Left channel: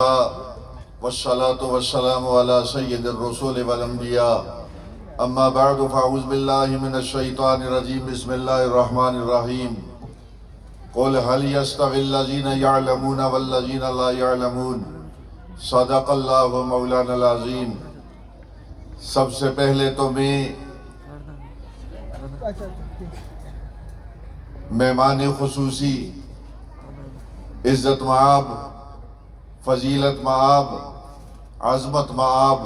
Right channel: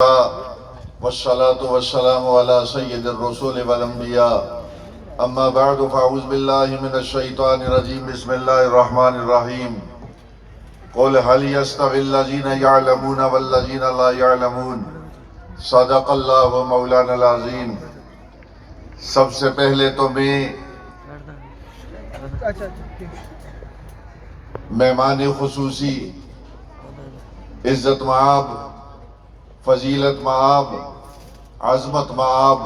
والصلاة والسلام على سيد الرسول والانبياء اما بعد فاعوذ باللہ من الشیطان الرجیم بسم اللہ الرحمن الرحیم قل هل يستوي الذين يعلمون والذين لا يعلمون صدق اللہ مولانا العظیم۔ سب سے پہلے تو میں مہمان خصوصی، عزت مآب، فضیلت مآب، عظمت مآب،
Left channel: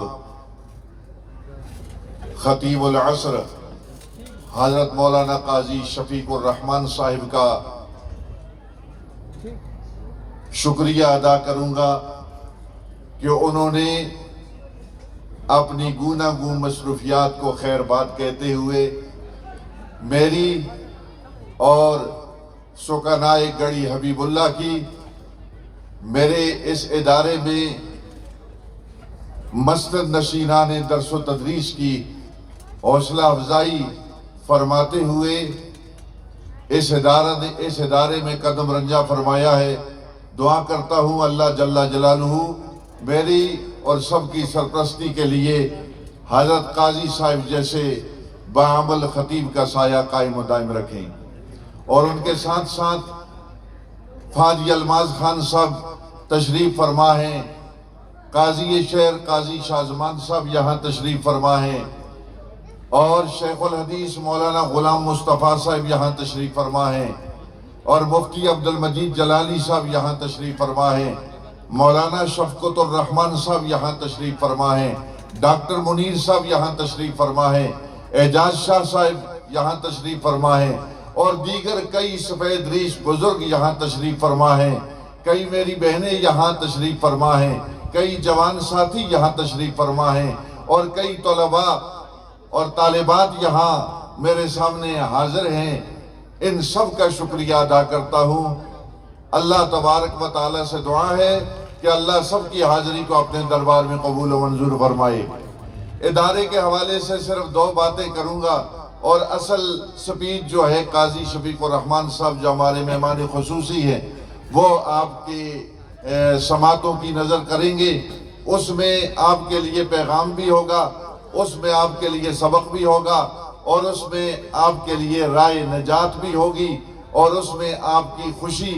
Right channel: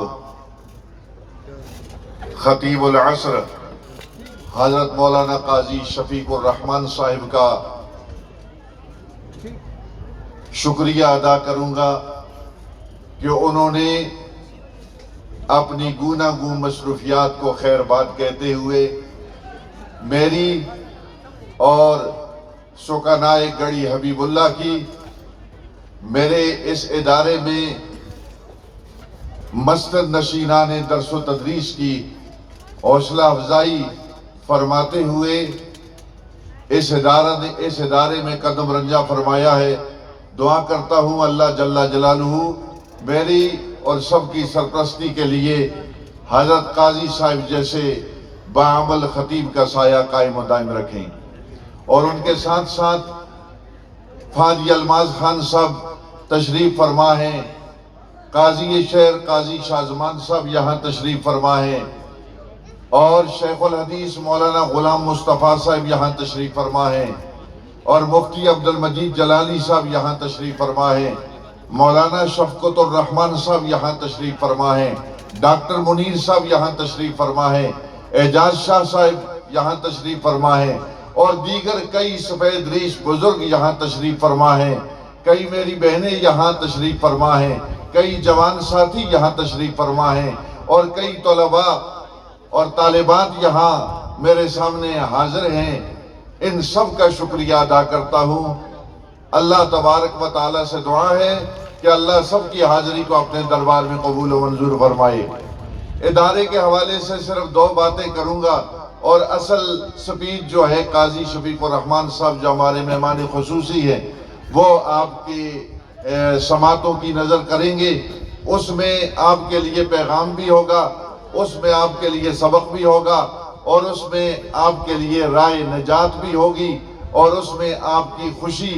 خطیب العصر حضرت مولانا قاضی شفیق الرحمن صاحب کا شکریہ ادا کروں گا کہ انہوں نے اپنی گوناگوں مصروفیات کو خیر بات کہتے ہوئے میری اور سکنائے گڑھی حبیب اللہ کی میرے اس ادارے میں مسجد نشینان درس و تدریس کی حوصلہ افزائی فرماتے ہوئے اس ادارے میں قدم رنجہ فرمایا ہے۔ دعا کرتا ہوں اللہ جل جلالہ میری اور سب کی سرپرستی کے لیے حضرت قاضی صاحب جیسے باعمل خطیب کا سایہ قائم و دائم رکھیں، اور ان کے ساتھ ساتھ فاضل الماظ خان صاحب تشریف فرما ہیں، قاضی شہر قاضی شاہ زمان صاحب یہاں تشریف فرما ہیں، اور شیخ الحدیث مولانا غلام مصطفیٰ صاحب یہاں تشریف فرما ہیں، اور مفتی عبدالمجید جلالی صاحب یہاں تشریف فرما ہیں، مولانا شفقت الرحمن صاحب یہاں تشریف فرما ہیں، ڈاکٹر منیر صاحب یہاں تشریف فرما ہیں، اعجاز شاہ صاحب یہاں تشریف فرما ہیں، اور دیگر کئی سفید ریش بزرگ یہاں تشریف فرما ہیں، کئی میری بہنیں یہاں تشریف فرما ہیں، کئی جوان ساتھی یہاں تشریف فرما ہیں، اور کئی طلباء اور طالبات یہاں میرے سامنے حاضر ہیں۔ ان سب کا شکریہ ادا کرتا ہوں۔ اللہ تبارک و تعالیٰ سے دعا ہے کہ اللہ سب کی حاضری کو اپنے دربار میں قبول و منظور فرمائے۔ ادارے کے حوالے سے صرف دو باتیں کروں گا، اور اصل سپیچ جو ہے قاضی شفیق الرحمن صاحب جو ہمارے مہمان خصوصی ہیں وہ آپ کے سماعتوں کی نظر کریں گے۔ اس میں آپ کے لیے پیغام بھی ہوگا، اس میں آپ کے لیے سبق بھی ہوگا، اور اس میں آپ کے لیے رائے نجات بھی ہوگی، اور اس میں آپ کی خوشی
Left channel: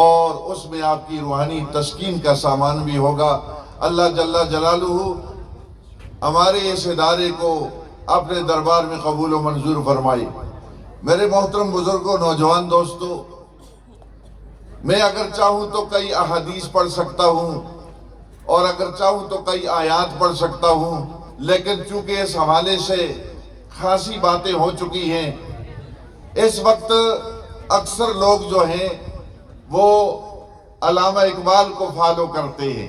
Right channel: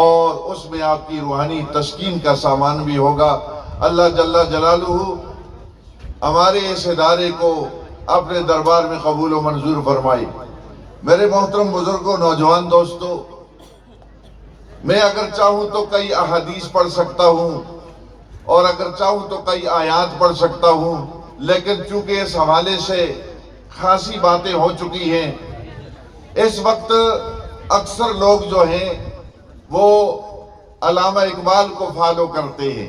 اور اس میں آپ کی روحانی تسکین کا سامان بھی ہوگا۔ اللہ جل جلالہ ہمارے اس ادارے کو اپنے دربار میں قبول و منظور فرمائی۔ میرے محترم بزرگوں، نوجوان دوستوں، میں اگر چاہوں تو کئی احادیث پڑھ سکتا ہوں، اور اگر چاہوں تو کئی آیات پڑھ سکتا ہوں، لیکن چونکہ اس حوالے سے خاصی باتیں ہو چکی ہیں، اس وقت اکثر لوگ جو ہیں وہ علامہ اقبال کو فالو کرتے ہیں۔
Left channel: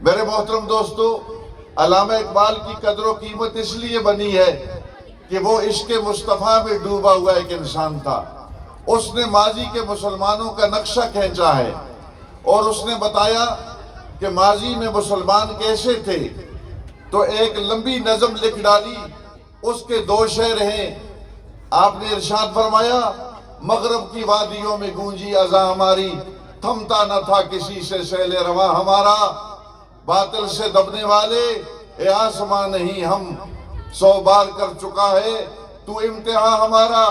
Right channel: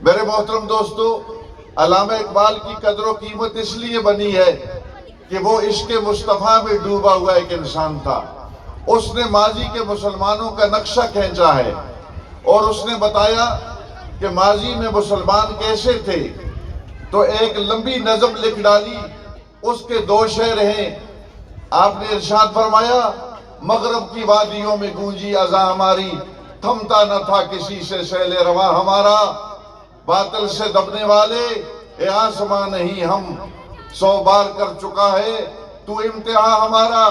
میرے محترم دوستو، علامہ اقبال کی قدر و قیمت اس لیے بنی ہے کہ وہ عشق مصطفیٰ میں ڈوبا ہوا ایک انسان تھا۔ اس نے ماضی کے مسلمانوں کا نقشہ کھینچا ہے، اور اس نے بتایا کہ ماضی میں مسلمان کیسے تھے، تو ایک لمبی نظم لکھ ڈالی۔ اس کے دو شعر ہیں۔ آپ نے ارشاد فرمایا، مغرب کی وادیوں میں گونجی اذاں ہماری، تھمتا نہ تھا کسی سے سیل رواں ہمارا، باطل سے دبنے والے اے آسمان نہیں ہم، 100 بار کر چکا ہے تو امتحان ہمارا،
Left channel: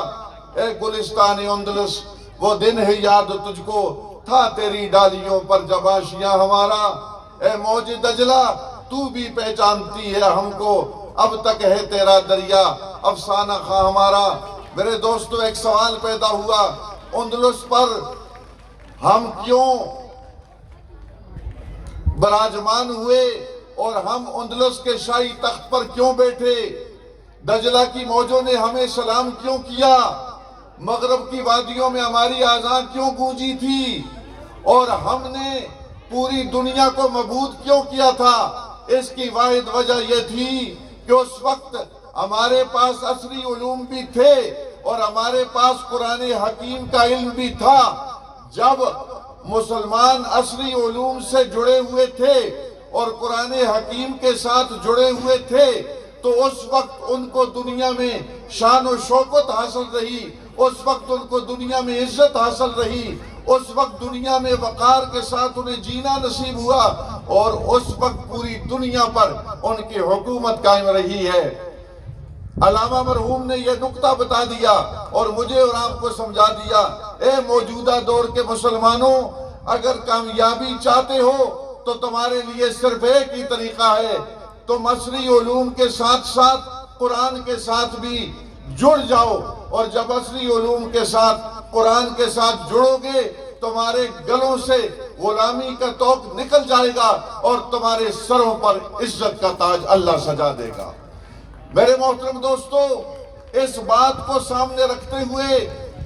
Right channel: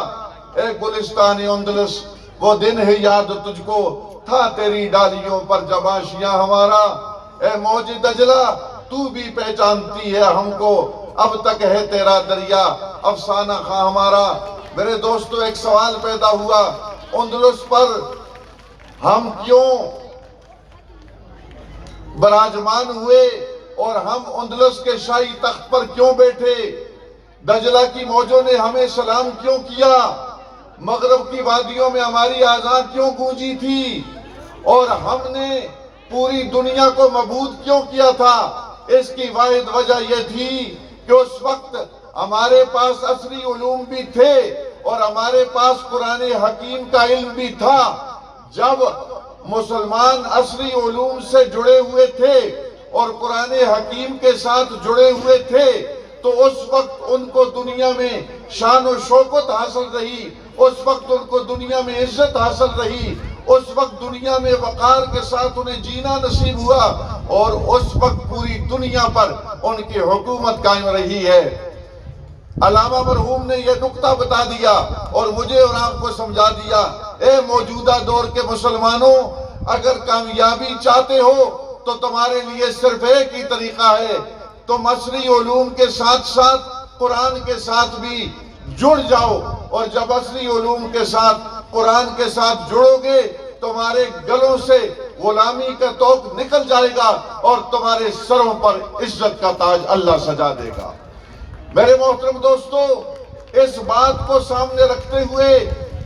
اے گلستان اندلس وہ دن ہے یاد تجھ کو، تھا تیری ڈالیوں پر جب آشیاں ہمارا، اے موج دجلہ تو بھی پہچانتی ہے ہم کو، اب تک ہے تیرا دریا افسانہ خواہ ہمارا۔ میرے دوستو، ایک سوال پیدا ہوا، اندلس پر ہم کیوں براجمان ہوئے، اور ہم اندلس کے شاہی تخت پر کیوں بیٹھے؟ دجلہ کی موجوں نے ہمیں سلام کیوں کیا؟ مغرب کی وادیوں میں ہماری آذان کیوں گونجی تھی؟ اور ہم نے پوری دنیا کو مبعوث کیوں کیا تھا؟ اس کی واحد وجہ یہ تھی کہ اس وقت ہمارے پاس عصری علوم بھی تھے، اور ہمارے پاس قرآن حکیم کا علم بھی تھا۔ جب مسلمان عصری علوم سے جڑے ہوئے تھے اور قرآن حکیم کے ساتھ جڑے ہوئے تھے، تو اس وقت ان کو دنیا میں شان و شوکت حاصل رہی، اس وقت ان کو دنیا میں عزت حاصل رہی، اس وقت دنیا میں وقار کے ساتھ انہیں جینا نصیب ہوا اور اس وقت پوری دنیا پر ان کی حکومت قائم رہی ہے۔ علامہ مرحوم نے یہ نقطہ بتا دیا اور مجھے اور آپ کو سمجھا دیا، اے موجودہ دور کے مسلمانوں، اگر کامیابی چاہتے ہو تو تمہارے لیے صرف ایک ہی طریقہ ہے، تم عصری علوم کے ساتھ ساتھ قرآن کے ساتھ بھی جڑ جاؤ، اور جب عصری علوم کے ساتھ قرآن کے ساتھ جڑو گے تمہارے گلوں سے غلامی کا توق نکل جائے گا اور تمہارے سروں پر عزت کا تاج اللہ سجا دے گا۔ میرے محترم دوستو، اس بات کو سامنے رکھتے ہوئے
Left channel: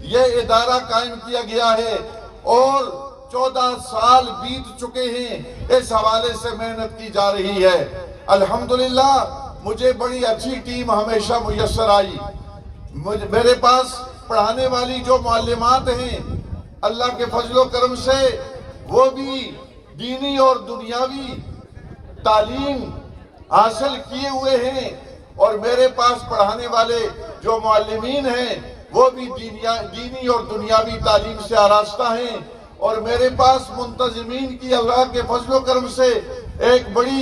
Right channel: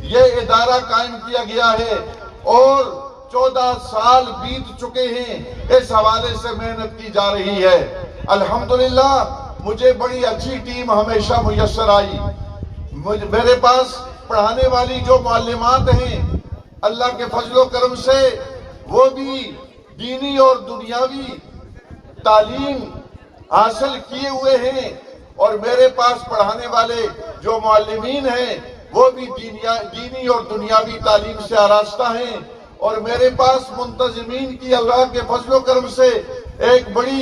یہ ادارہ قائم کیا گیا ہے اور 14 سال بیت چکے ہیں، اس حوالے سے محنت کی جا رہی ہے۔ الحمدللہ مجھے بڑی اچھی ٹیم ہمیشہ میسر آئی۔ میرے پاس پڑھانے والی جو معلمات ہیں، اللہ کے فضل و کرم سے وہ بھی دینی اور دنیاوی تعلیم حاصل کیے ہوئے ہیں، اور میرے پاس پڑھانے والے جو معلمین ہیں وہ بھی دینی اور دنیاوی تعلیم سے آراستہ ہیں، اور میرے پاس منتظمین کی اللہ کے فضل و کرم سے ایک بڑی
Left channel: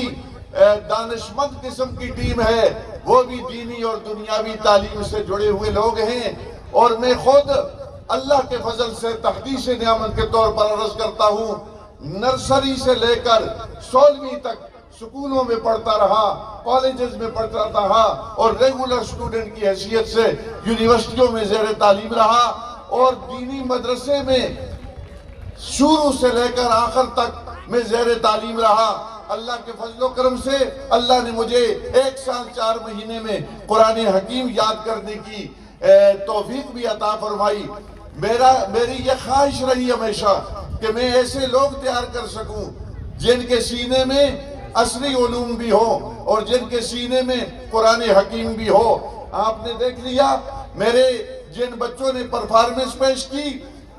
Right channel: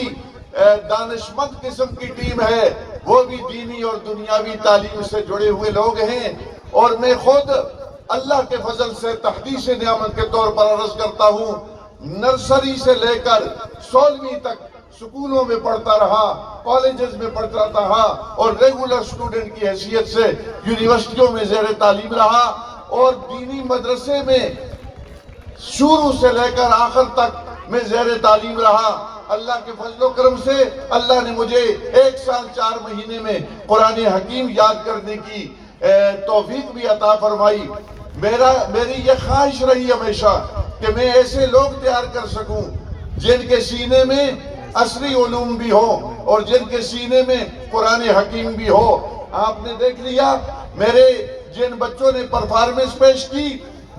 دانشمند قسم کی ٹیم ہے، وہ بھی دینی اور دنیاوی تعلیم سے جڑے ہوئے لوگ ہیں۔ اور میں خود اللہ کے فضل سے تحدیث نعمت کے طور پر عرض کرتا ہوں، نرسری سے لے کر 16ویں تک سکولوں میں پڑھتا رہا، کالجز میں پڑھتا رہا، اور ریگولر سٹوڈنٹ کی حیثیت سے یونیورسٹیوں میں زیر تعلیم رہا، اور دینی مدرسے میں شروع سے لے کر آخر تک میں زیر تعلیم رہا۔ اللہ کے فضل و کرم سے اللہ نے مجھے 1 سال 4 مہینے میں قرآن حکیم یاد کرنے کی توفیق بھی عطا فرمائی۔ میری یہ خواہش رہی ہمیشہ کہ میں ایسے لوگ تیار کر سکوں جن کے سینے میں عصری علوم بھی ہو اور جن کے سینے میں قرآن حکیم بھی ہو۔ آپ نے دیکھ لیا میرے جن بچوں نے پرفارمنس پیش کی،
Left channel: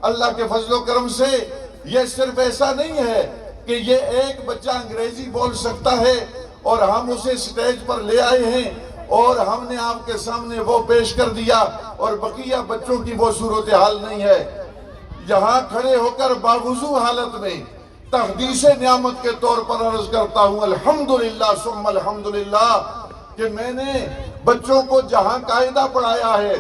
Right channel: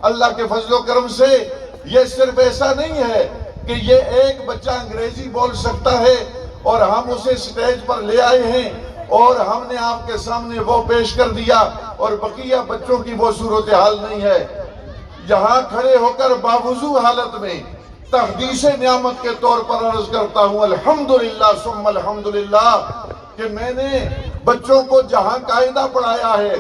اللہ کے فضل و کرم سے یہ صرف ایسا نہیں ہے کہ یہ ایک بچہ انگریزی بول سکتا ہے اور ہم اسے سٹیج پر لے آئے ہیں اور ہم نے آپ کے سامنے وہ پیش کر دیا اور بقیہ بچوں کی وہ صورتحال نہیں ہے۔ یہاں کھڑے ہو کر باوضو حالت میں تحدیث نعمت کے طور پر عرض کرتا ہوں الحمدللہ ثم الحمدللہ کہ میں نے بچوں کو جہاں قاعدہ پڑھایا ہے،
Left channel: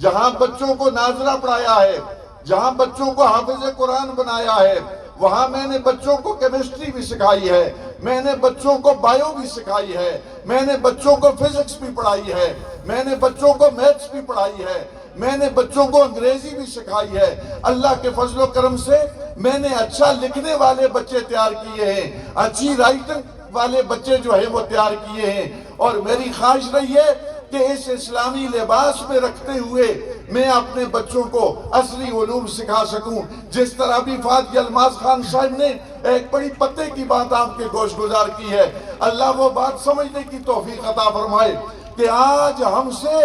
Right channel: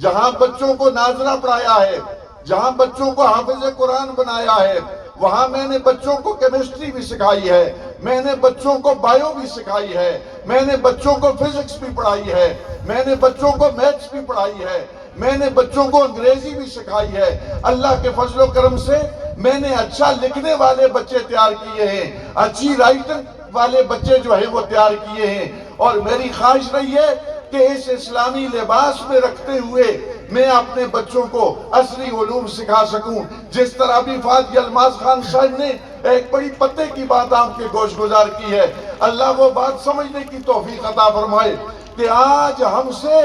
جہاں بچوں کو ناظرہ پڑھایا ہے، جہاں بچوں کو حافظ قرآن بنایا ہے، وہاں میں نے بچوں کو کیمسٹری بھی سکھائی ہے، میں نے بچوں کو بائیو بھی سکھائی ہے، میں نے بچوں کو فزکس بھی پڑھائی ہے، میں نے بچوں کو میتھس بھی پڑھائی ہے، میں نے بچوں کو انگریزی بھی سکھائی ہے۔ اللہ کے فضل و کرم سے میں نے اچھا لکھنے والے بچے تیار کیے ہیں، اچھی رائٹنگ والے بچے جو ہیں وہ تیار کیے ہیں، اور میری خواہش رہی ہے کہ اس اسلامی لباس میں رکھتے ہوئے میں اپنے بچوں کو عصری علوم سکھا سکوں۔ جس طرح بھی فاتح الماس خان صاحب نے ایک بڑی پتے کی بات آپ کے گوش گزار کی ہے، اللہ وہ بات سمجھنے کی توفیق عطا فرمائے کہ آج ہم سے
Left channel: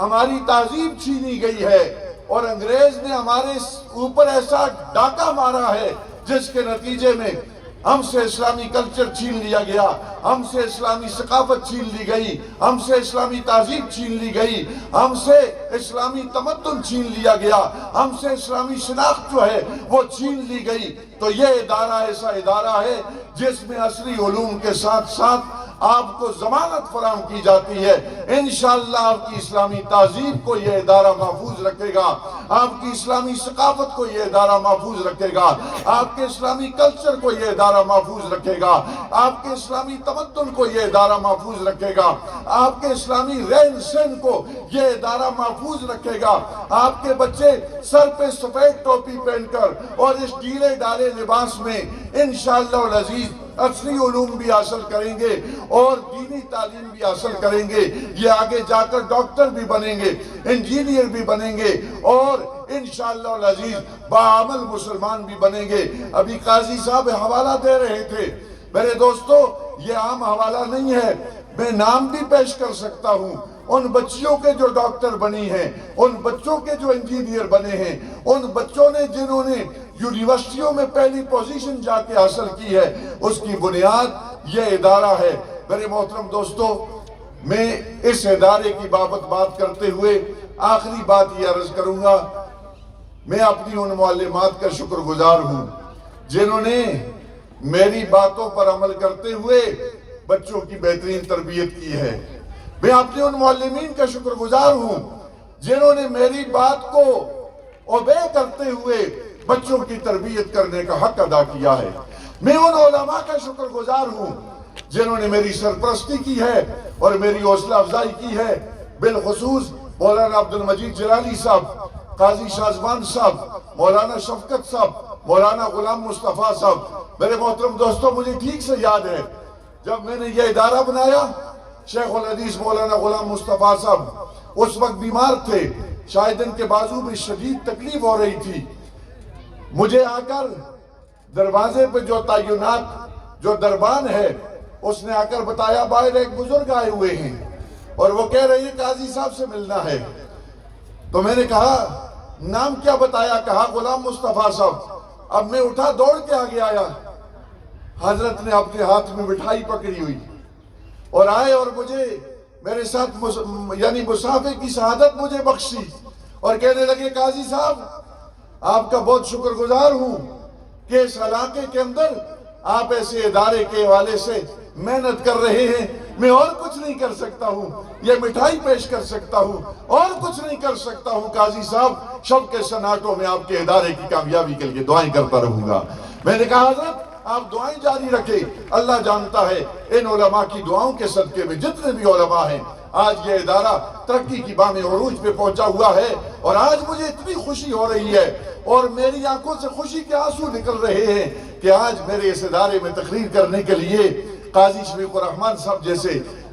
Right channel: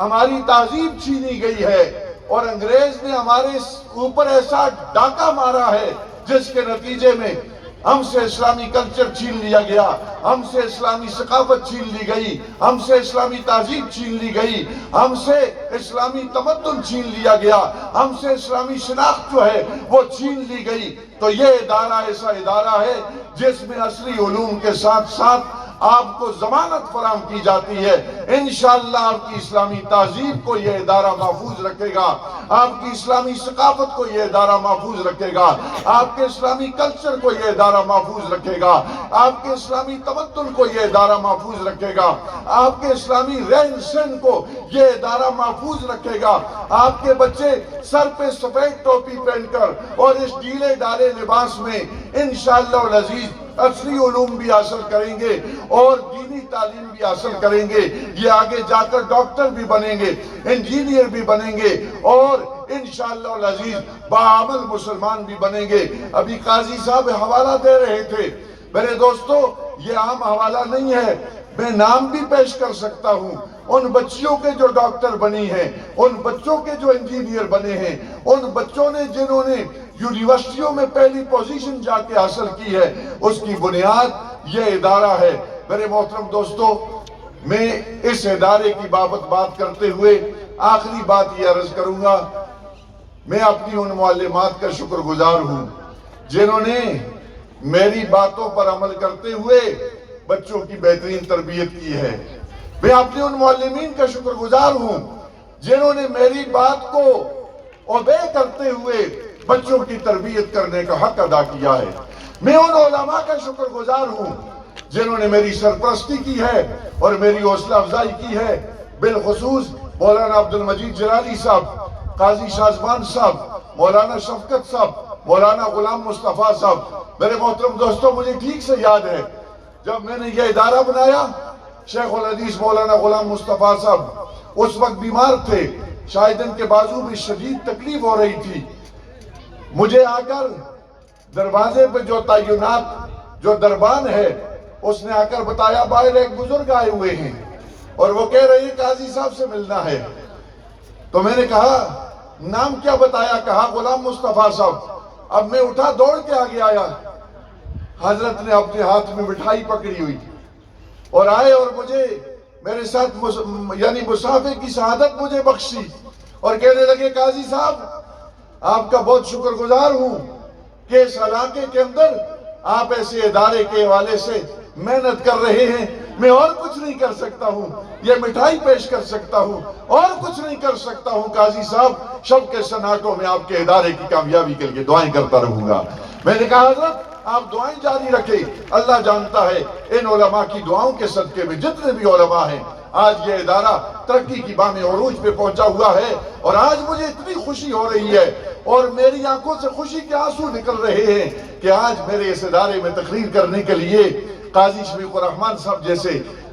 ہماری تہذیب چھینی گئی ہے اور انگریز نے ہمارے اوپر ایسا ڈاکہ مارا ہے جس کے نتیجے میں ہم سے اسلامی کلچر چھین لیا گیا، ہم سے اسلامی ثقافت چھین لی گئی، ہم سے اسلامی تہذیب چھین لی گئی، ہم سے اسلامی تمدن چھین لیا گیا، ہم سے اسلامی شناخت جو ہے وہ چھین لی گئی۔ تو یہ ادارہ ایسا ادارہ ہے جس میں عصری علوم کے ساتھ ساتھ آپ کو ضمانت فراہم کی جاتی ہے۔ انشاءاللہ آپ کی اسلامی تہذیب کو یہ ادارہ محفوظ رکھے گا، آپ کی اسلامی ثقافت کو یہ ادارہ محفوظ رکھے گا، آپ کے اسلامی کلچر کو یہ ادارہ محفوظ رکھے گا، آپ کے اسلامی تمدن کو یہ ادارہ محفوظ رکھے گا، آپ کے اسلامی رہن سہن کو یہ ادارہ محفوظ رکھے گا۔ آپ کے بچے سر پہ سفید ٹوپی پہن کر اور اس ڈھیلے ڈھالے لباس میں انشاءاللہ العزیز عصری علوم بھی حاصل کریں گے اور دینی تعلیم بھی حاصل کریں گے۔ یہ آگے جا کر ڈاکٹر بھی بنیں گے، انجینئر بھی بنیں گے اور انشاءاللہ العزیز باعمل مسلمان بھی بنیں گے۔ ابھی قاضی صاحب حوالہ دے رہے تھے، میرے دوستو یہ عام حوالہ نہیں ہے، میں نام بھی پیش کر سکتا ہوں ان بچیوں کے جو ڈاکٹر بنی ہیں، ان بچوں کے جو انجینئر بنے ہیں، ان بچوں نے جنہوں نے یونیورسٹیوں میں پہلی پوزیشن جا کے حاصل کی ہے، اس کی بنیاد یہ ادارہ ہے۔ میرے محترم دوستو، میں اس ادارے کی بات کرتے ہوئے آخری بات یہ عرض کروں گا میں اپنی ان معلمات کا شکر گزار ہوں جنہوں نے میری باتوں پر عمل کرتے ہوئے بچوں کی بہترین تربیت کی ہے۔ میں اپنے ان معلمین کا شکر گزار ہوں جنہوں نے میری بات کو اوبے کرتے ہوئے بچوں کی تربیت کرنے کا حق ادا کیا ہے۔ میں ان علماء کا شکر گزار ہوں جنہوں نے میری سرپرستی کی ہے اور میری حوصلہ افزائی کی ہے، بالخصوص مولانا عبدالمجید جلالی صاحب، قاضی شازمان صاحب، مولانا شفقت صاحب، مولانا غلام مصطفیٰ صاحب۔ میرے محترم دوستوں، مجھے ٹھیک سے یاد ہے جب میں نے یہ ادارہ بنایا، شیخ الحدیث مولانا غلام مصطفیٰ صاحب اس وقت بیمار تھے، شاید ان کے بازو میں شدید تکلیف ہو رہی تھی۔ مجھے آ کر دروازے پہ جو تعینات جو دربان ہے اس نے آ کر بتایا باہر ایک بزرگ آئے ہوئے ہیں اور وہ کہہ رہے ہیں قاضی صاحب سے ملنا ہے۔ تو میں نے کہا نام کیا بتایا؟ کہا غلام مصطفیٰ صاحب۔ اب میں اٹھا دوڑ کے آگے آیا، حضرت نے اپنے ہاتھ میں مٹھائی پکڑی ہوئی اور آئے اور مجھے میرے ساتھ یعنی مسافے کی سعادت مجھے بخشی اور کہنے لگے قاضی صاحب آپ کا بہت شکر گزار ہوں کہ اس علاقے کے اندر آپ ایسے ادارے کے حوالے سے محنت کر رہے ہیں۔ میں اور کچھ نہیں کر سکتا ہوں، یہ مٹھائی پیش کر سکتا ہوں، اور کچھ نہیں کر سکتا ہوں قاضی صاحب، شب کے سناٹوں میں آپ کے ادارے کی کامیابی کے لیے دعائیں کرتا رہوں گا۔ میں نے کہا حضرت آپ دعائیں جاری رکھیں، اللہ جانتا ہے ان علماء کی دعاؤں کے صدقے میں جتنے بھی علماء ہیں آج یہ ادارہ ترقی کی بام عروج پہ پہنچا ہوا ہے، اور آج مجھے اتنی خوشی ہو رہی ہے اور میری آنکھوں سے خوشی کے آنسو نکل رہے ہیں کہ آج میرے اس ادارے میں تقریر کرنے کے لیے قاضی شفیق الرحمان صاحب جیسے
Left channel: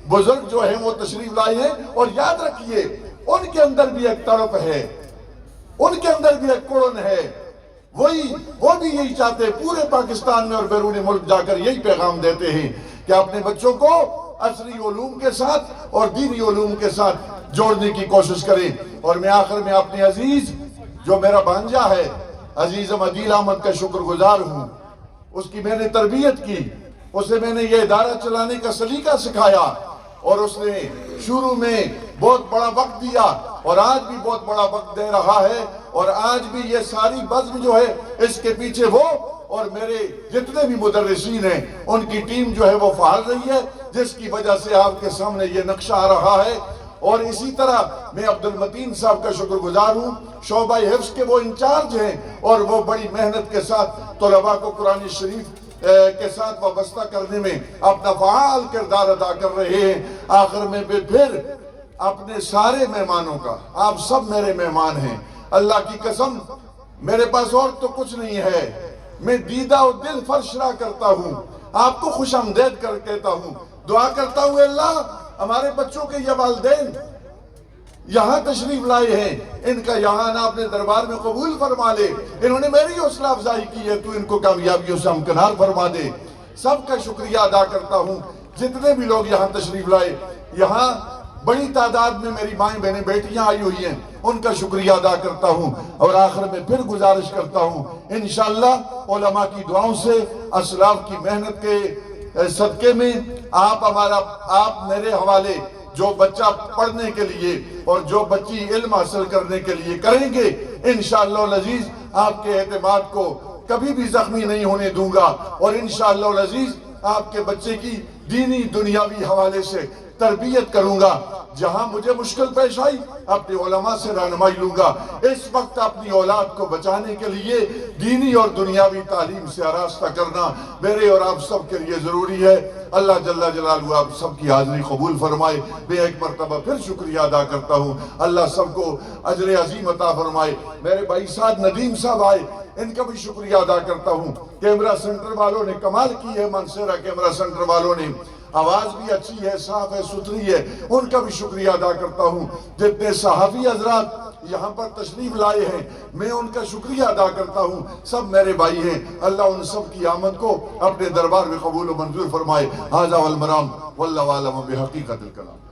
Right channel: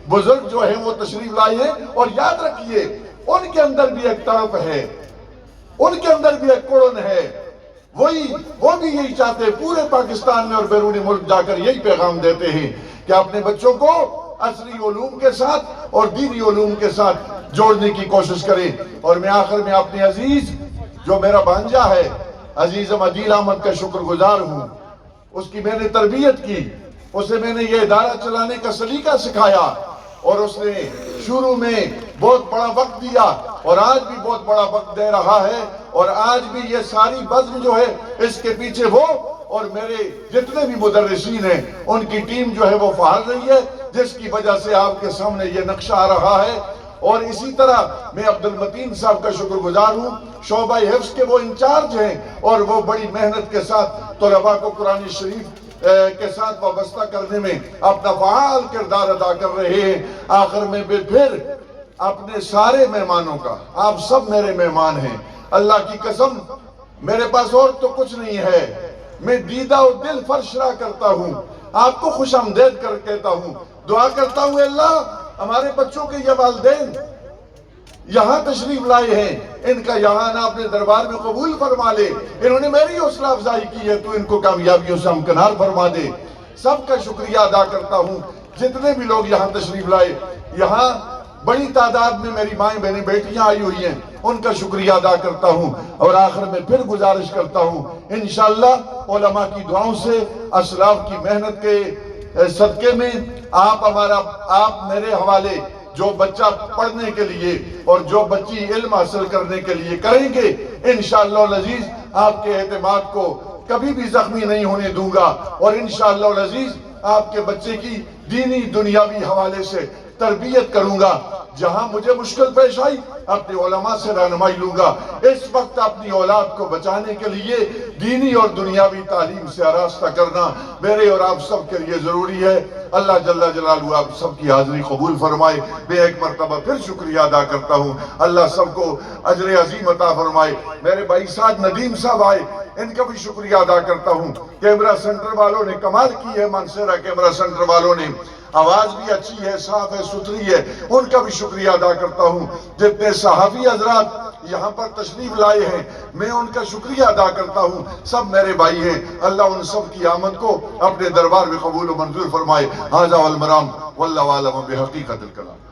بزرگ جو ہیں وہ تشریف لائے ہیں۔ اور یاد رکھیے ان کے اندر بھی ایک طرف ہے، ان کے اندر بھی ایک کڑن ہے، وہ بھی یہی چاہتے ہیں، پورے پاکستان میں اور بیرون ملک جا کر یہی پیغام دیتے ہیں کہ اپنے بچوں کو عصری علوم کے ساتھ اور دینی علوم کے ساتھ جوڑنے کی کوشش کریں۔ اور میں آخر میں اپنے عزیز جو میرا بھانجا ہے عزیزم عدیل احمد کا شکر گزار ہوں، اس کی میں نے تربیت کی، اسے میں نے یہ ادارہ چلانے کا سلیقہ سکھایا اور اس نے شروع میں بہت بڑا وقت دیا اور آج بھی بہت بڑا وقت دے رہا ہے، اور آج بھی یہ ساری بزم جو ہے اس کے پیچھے وہ اور میرے جتنے بھی مدرسین ہیں ان کی ٹیم جو ہے وہ فعال رہی ہے، جس کی وجہ سے آپ کے سامنے یہ نقشہ آ رہا ہے۔ اور اسی طرح میں عبدالمتین صاحب کا شکر گزار ہوں، شعبہ حفظ کے وہ انچارج ہیں اور وہ بڑی محنت کے ساتھ طلباء کو قرآن شریف کے ساتھ وابستہ کرنے میں اپنا فعال کردار ادا کر رہے ہیں۔ آخر میں پھر اپنے سارے مہمانوں کا، آپ سب میرے مہمان ہیں، اللہ کی قسم میرے پاس اور تو کچھ نہیں ہے، میں دیدہ و دل فرشرا کرتا ہوں، آپ کو خوش آمدید کر کہتا ہوں، دعا کرتا ہوں اللہ ہمارے بچوں کے یہ والدین یہاں تشریف لائے ہیں، ان کا یہاں آنا اپنے دربار میں قبول فرما لے، انہوں نے میری حوصلہ افزائی کی ہے، تو ان کو کامیابیوں سے ہمکنار فرما دے۔ سب کا شکریہ ادا کرتا ہوں، جتنے بھی لوگ یہاں تشریف لائے، یہاں بڑی تعداد میں میری مائیں بہنیں بیٹیاں آئی ہوئی ہیں، ان کا شکریہ ادا کرتا ہوں۔ اور آخر میں پھر گزارش کرتا ہوں انشاءاللہ علماء کی دعاؤں سے، اسلاف کی محنت کے صدقے میں آپ میرے حوالے جو بچہ پڑھنے کے لیے اور جو بچی علم حاصل کرنے کے لیے کریں گے، انشاءاللہ العزیز آپ کے اعتماد کو کبھی بھی زخمی نہیں ہونے دوں گا، اور انشاءاللہ العزیز آپ کے بچے کی دینی دنیاوی حوالے سے تربیت کروں گا۔ جہاں مجھے مشکل پیش آئی اپنے علماء سے رہنمائی لوں گا۔ اس وقت اپنی اولاد کو بچانے کے لیے دینی اور دنیاوی تعلیم سے آراستہ کرنا میرے اور آپ سب کے لیے ضروری ہے۔ اللہ جل جلالہ آپ سب کی حاضری قبول فرمائے۔ میں ایک مرتبہ پھر شکریہ ادا کرتا ہوں، اللہ سب کو اجر عظیم عطا فرمائے۔ میرے بھائی سعد ندیم صاحب آئے، ان کا بھی شکریہ ادا کرتا ہوں۔ کیمرہ سنٹر والوں نے کمال کی ہے، منصورہ کیمرہ سنٹر والوں نے، آواز بھی اچھی ہے، صاف ہے، ستھری ہے، ان کا بھی شکریہ ادا کرتا ہوں۔ جتنے صحافی حضرات یہاں پر تشریف لائے ہیں میں ان کا شکریہ ادا کرتا ہوں، سب میرے بھائی ہیں، اللہ ان سب کی آمد کو اپنے دربار میں قبول و منظور فرمائے۔ ھذا والمرام واللہ عالم بحقیقت الکلام۔